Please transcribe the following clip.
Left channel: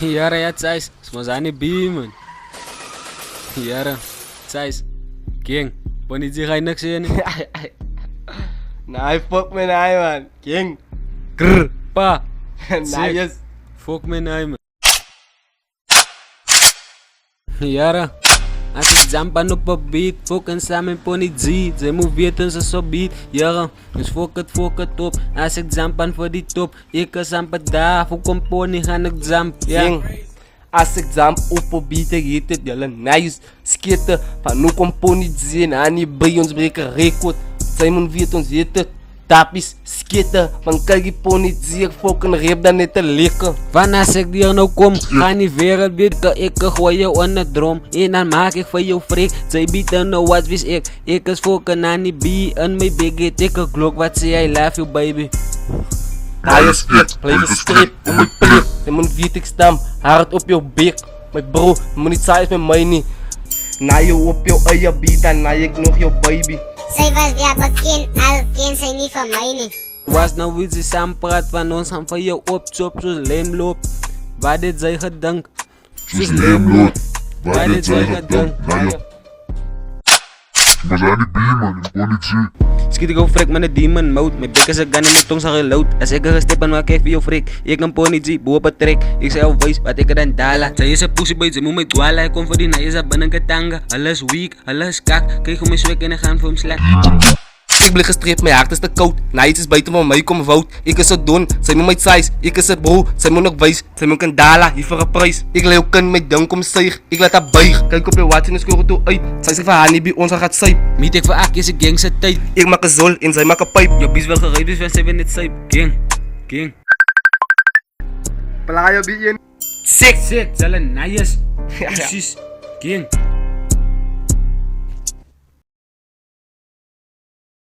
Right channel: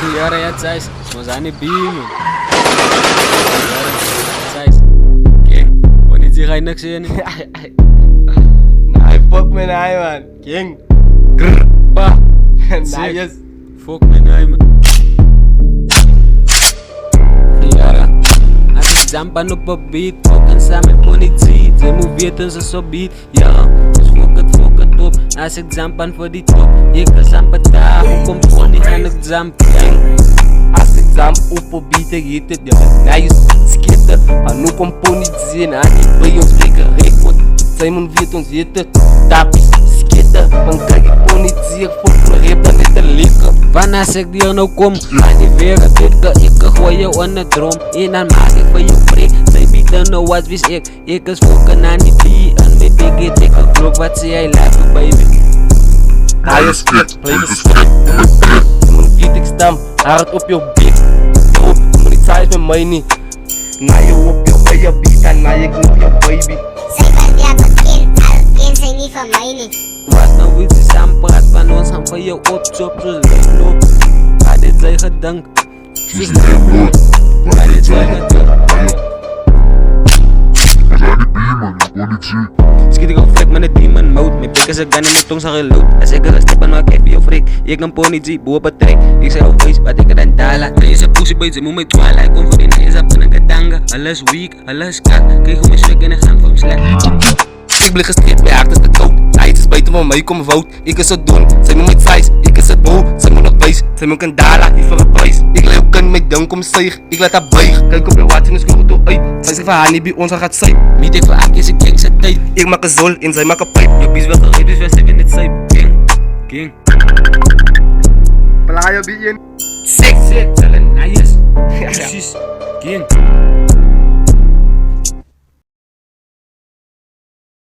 Yara ya Zeiss, smazani beamen. Yara Zeiss, King, wanneer zie je niks in? Nee, fuck me nee man. King. Grrr. Pa, Nice. fuck me nee man. Yara, als ik zampan op een beat, fokken samen pony G. Zij moet weten ze zo beat, Yara, dus fok het op. Als ik zampan voor die top, ik kan zampen daar, hoe kom pony gaan ik zamp, ja. King. Als ik zam op een beat, ik heet het jullie nice. Skieten, van hoe kom pony zien, aan die bij ons breken record. Simon weet ons heet het, tapies, skieten. Van kijk die pony zie ik fokken reep dan net te likken. Van als ik hier nou kom, ga niet weer dit, ik gooi je onder drom. En dan maak ik van jou freak, zij bieden nou wat wist ik is fokken aan die bie. En mijn biggie dikke klok, wat zie jij, love you baby. Ga je skit, blijf een strip, je moet prik. Je moet vier ik stam, hard op jouw bek. Met bro, je moet niet saai met mij niet. Na je op jouw eigen beat en na ik nog jouw baby. Zij was ja bekend, al ken zij niet van mij niet. Was nou iets die samen praat van ons, gaan van jou op, zoals leemloop. Waar dit zij gedank, Soos leemlood, waar dit zij gedank. maar aan die bier man, ik kon niet zien. Schiet ik op frik met een demon mode. Mijn pik is een gun en mijn tong zag je lood. Als ik er gestip ben, maak ik veel frik. Ik een pony G, boe op een trek. Ik zei al wees, wat ik er dan dala. Zij is een pussy boy, ze moet mij dwalen. Ik kom voor die na, je zat binnen getanga. Alles weak, alles kak. Kijk hoe mijn swag en ik gaan voor hem slecht. Ik blik gestreept, mijn hart is te koud. Night is buiten van mij, kom fout. Ik is het doen, zij moet mijn size. Ik is het bro, zij moet nog wijs. Zij moet een dala, hier voor een prijs. Ik leeuw kan mijn dunk om zuig. Ik laat haar buig. Kijk op je watch en score toe uit. Zij zegt van haar niet bij ons, gaat zuip. Meet ik voor Ak, is ik gang zijn tijd. Ik maak een zol en zij maakt een pijp. Je bies wel gereed, dus wij zijn in het zuip. King. Playa bij je. Sick, zal een nice. Precies. King.